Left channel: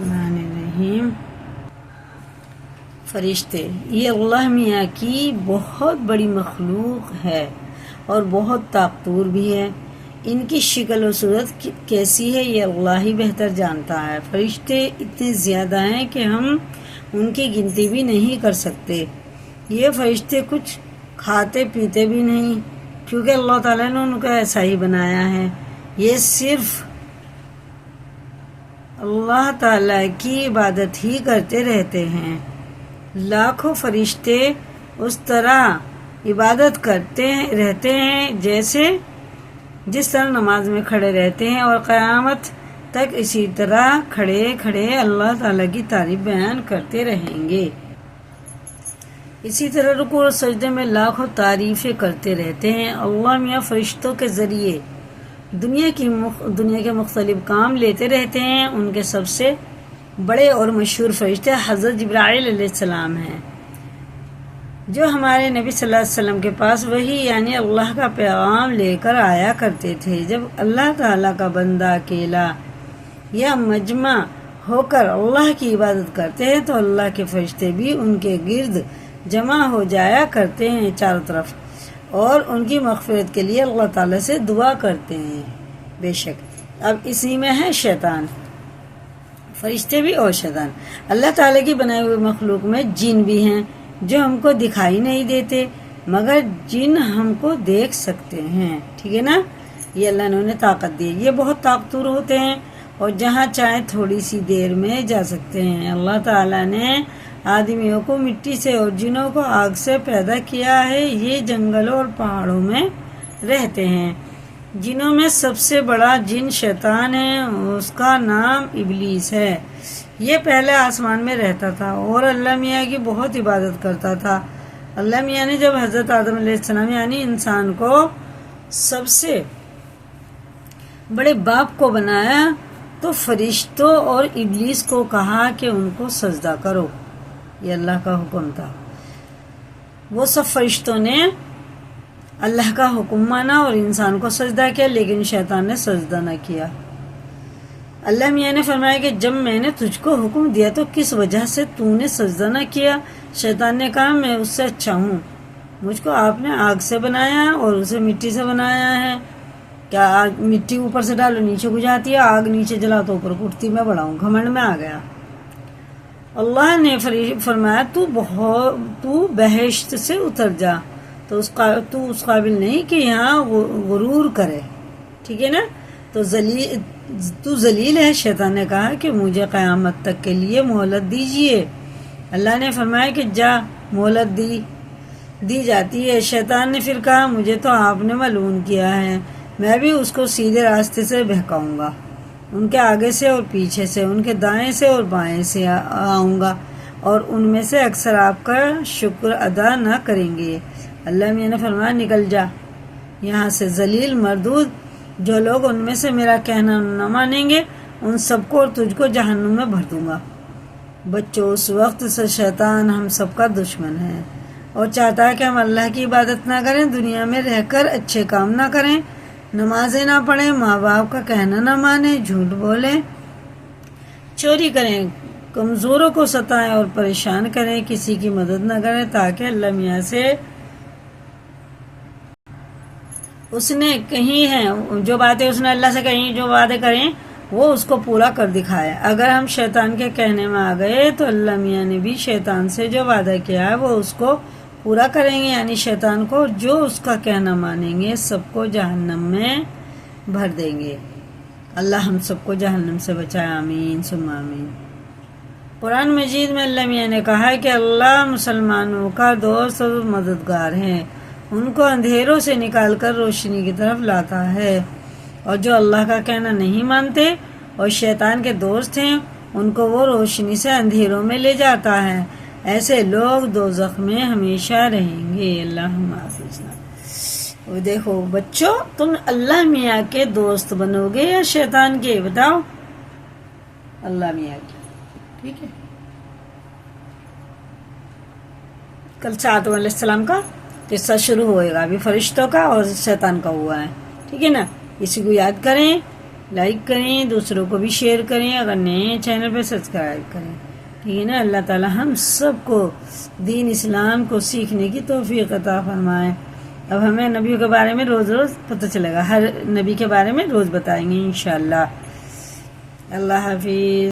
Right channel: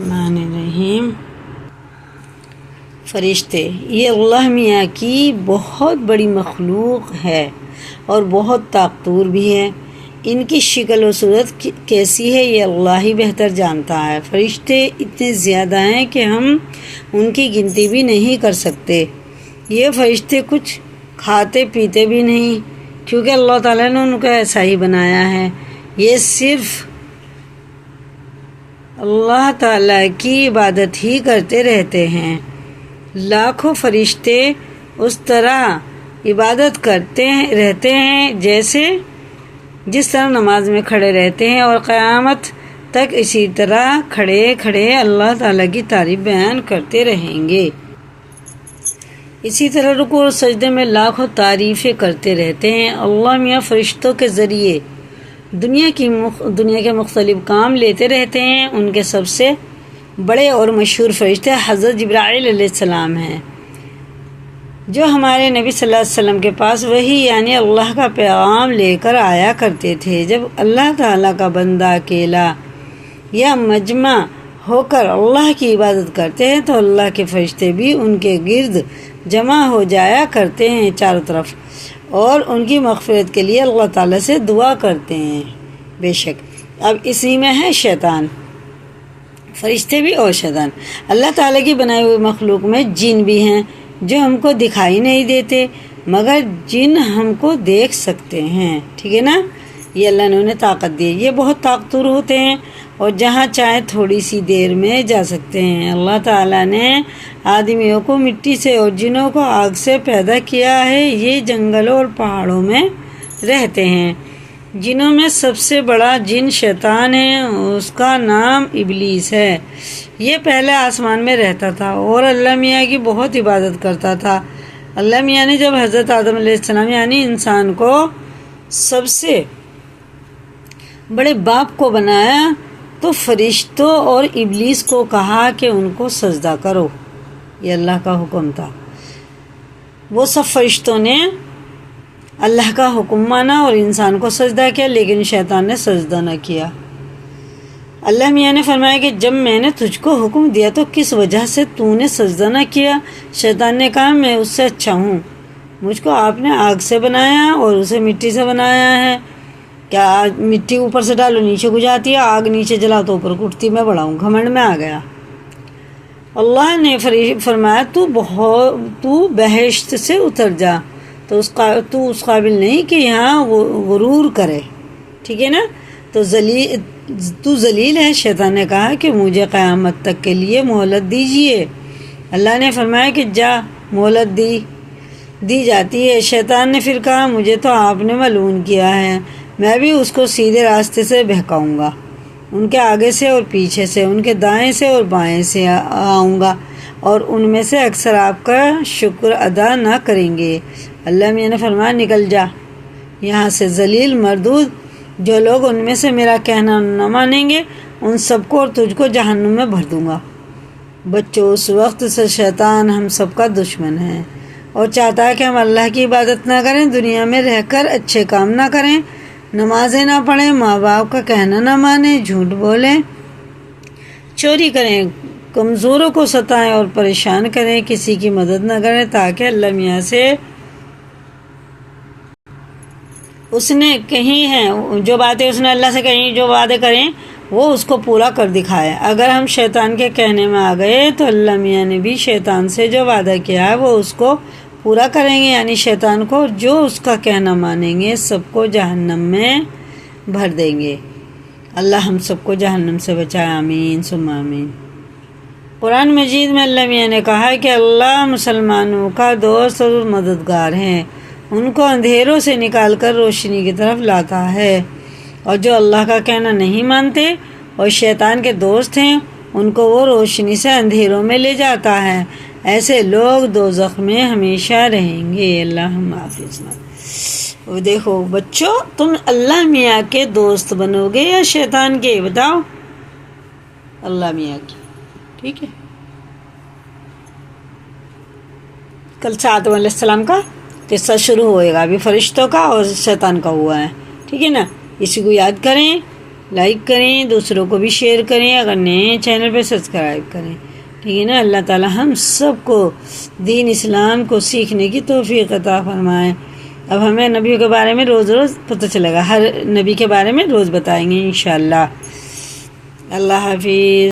الرحمن الرحیم۔ فرشتے یہ اللہ میاں کی بہت بڑی مخلوق ہے اور بہت طاقتور بھی ہے۔ ان کی شکل و صورت کیسی ہے یہ اللہ ہی بہتر جانتا ہے۔ فرشتے اتنے زیادہ ہیں کہ ہم ان کی گنتی بھی نہیں کر سکتے۔ یہ فرشتے کچھ کھاتے پیتے بھی نہیں، کیونکہ اللہ تعالیٰ نے ان کو ایسا ہی بنایا ہے۔ یہ صرف اللہ تعالیٰ کی عبادت ہی کرتے رہتے ہیں۔ لاکھوں فرشتے اس طرح عبادت کرتے رہتے ہیں جس طرح نماز میں کھڑے رہتے ہیں، اور قیامت تک اسی طرح کھڑے کھڑے اللہ تعالیٰ کی تعریف بیان کرتے رہیں گے۔ اسی طرح رکوع اور سجدے میں لاکھوں تعریفیں کرتے رہتے ہیں۔ اللہ میاں فرشتوں کے ذریعے دنیا کے مختلف کام لیتے رہتے ہیں۔ ان کے سب سے بڑے اور مشہور فرشتے حضرت جبرائیل علیہ السلام ہیں، جو ہمارے نبی صلی اللہ علیہ وسلم کے پاس وحی یعنی اللہ کا پیغام لے کر آیا کرتے تھے۔ جب اللہ تعالیٰ کا بندہ اکیلا یا مجمع ہو کر اللہ کی عبادت کرتے ہیں تو اللہ کے فرشتے بھی ان کے گرد جمع ہو جایا کرتے ہیں چاروں طرف، اور ان کی مغفرت کے لیے اللہ تعالیٰ سے دعا کرتے ہیں۔ بے شک اب اسی میں ہے شیطان، فرشتے بھی اور شیطان۔ اللہ تعالیٰ کی بنائی ہوئی مخلوق میں جن بھی ہیں جو ہم کو دکھائی نہیں دیتے، مگر جن ہم کو دیکھ سکتے ہیں، ٹھیک ہے نا۔ یہ اللہ نے انہیں طاقت دی، یہ بہت طاقتور ہوتے ہیں اور جہاں چاہے تھوڑی سی دیر میں جا سکتے ہیں۔ اللہ تعالیٰ نے آدمیوں کو مٹی سے اور جنوں کو آگ سے پیدا کیا ہے۔ یہ جنگلوں اور پہاڑوں میں رہتے ہیں۔ جنوں میں سب سے بڑا جن شیطان ہے، اس کا نام ابلیس ہے۔ یہ پہلے آسمان میں رہتا تھا اور اللہ میاں کی بہت عبادت کرتا تھا۔ اللہ میاں نے جب حضرت آدم علیہ السلام یعنی انسان کو سب سے بڑے باپ کو بنایا تو فرشتوں اور ابلیس کو کہا کہ ان کو سجدہ کرو، یہ اللہ کا حکم تھا۔ وہ سب فرشتوں نے اللہ کا حکم مانا اور انسان کو سجدہ کیا، لیکن شیطان نے سجدہ نہ کیا۔ اللہ میاں نے فرمایا کہ جب میں نے تجھ کو حکم دیا تو کس وجہ سے تو نے سجدہ نہ کیا؟ شیطان نے کہا میں اس سے اچھا ہوں، مجھ کو آپ نے آگ سے بنایا اور اسے مٹی سے بنایا ہے۔ کیا مٹی اوپر سے ڈالو نیچے کو جاتی ہے، آگ نیچے جلا تو اوپر اٹھتی، میں بڑا ہوں، گھمنڈ میں آ گیا۔ اللہ نے فرمایا تو بہشت سے اتر جا، تو اس قابل نہیں کہ یہاں غرور کرے، ٹھیک ہے نا۔ تو ذلیل ہے۔ شیطان نے کہا کہ مجھے قیامت تک کے لیے مہلت دیجیے۔ اللہ نے فرمایا کہ جا، مہلت دی جاتی ہے۔ شیطان نے پھر کہا مجھے تو آپ نے ملعون کیا ہے، میں بھی اس کو سیدھے راستے سے بہکاؤں گا، ان کے آگے سے اور پیچھے سے، ان کے دائیں سے اور بائیں سے آؤں گا، اور ان میں سے اکثر آپ کا شکر ادا نہ کریں گے۔ اللہ میاں نے فرمایا نکل جا یہاں سے، ذلیل مردود۔ جو لوگ ان میں سے میرا کہنا نہ مانیں گے ان سب کو اور تجھ کو جہنم میں بھر دوں گا۔ بچوں، اس وقت سے شیطان ہم سب کا دشمن ہے اور چاہتا ہے کہ ہم اللہ کی عبادت نہ کریں، دنیا میں رہ کر اچھے کام نہ کریں، نمازیں نہ پڑھیں، ماں باپ کا کہنا نہ مانیں، جھوٹ بولیں، چوری کریں، کمزوروں کو ستائیں اور پریشان کریں، کسی کی مدد نہ کریں، تاکہ اللہ میاں سے اس نے کہی ہیں جو باتیں اس نے اللہ سے کہیں، جو وعدے کریں وہ اس کو پورا کر دکھائے۔ اگر ہم شیطان کے کہنے میں آ گئے تو اللہ میاں نے بھی شیطان سے جو وعدہ کیا ہے وہ اس کو پورا کریں گے، یعنی شیطان کو جو اس کا کہنا مانیں گے سب کو جہنم میں بھر دیں گے۔ اللہ ہم سب کو جہنم سے بچائے، آمین ثم آمین۔ قرآن مجید میں اللہ میاں نے کہا کہ اللہ مسلمانوں کا دوست اور مددگار ہے، ان کو اندھیروں سے نکال کر روشنی کی طرف لاتا ہے، اور جو اللہ کا کہنا نہیں مانتے اور شیطان کے دوست ہیں ان کو وہ روشنی سے اندھیروں میں لے جاتا ہے، ایسے لوگ دوزخ میں ہمیشہ رہیں گے۔ اللہ ہم حافظ۔ دیکھو بچوں، تم اللہ میاں کے دوست بنو گے یا شیطان کے؟ بتاؤ۔ اللہ میاں کی، ٹھیک ہے۔ کل آدم علیہ السلام کا قصہ شروع ہوئے گا، ابھی فرشتوں کا اور شیطان کا ہوا ہے، ٹھیک ہے نا۔ اسی کو یاد کریں لائک کریں، دوسروں کو بھی شیئر کریں، اگر نئے چینل پہ سبسکرائب کریں، ٹھیک ہے نا۔ اللہ تعالی ہم سب کو دین اسلام کو سیکھنے کی توفیق عطا فرمائے۔ اب ہمیں نبیوں کے بارے میں روز روز پتہ چلے گا، ہر نبی کے بارے میں روز بتائیں گے انشاءاللہ۔ اللہ حافظ۔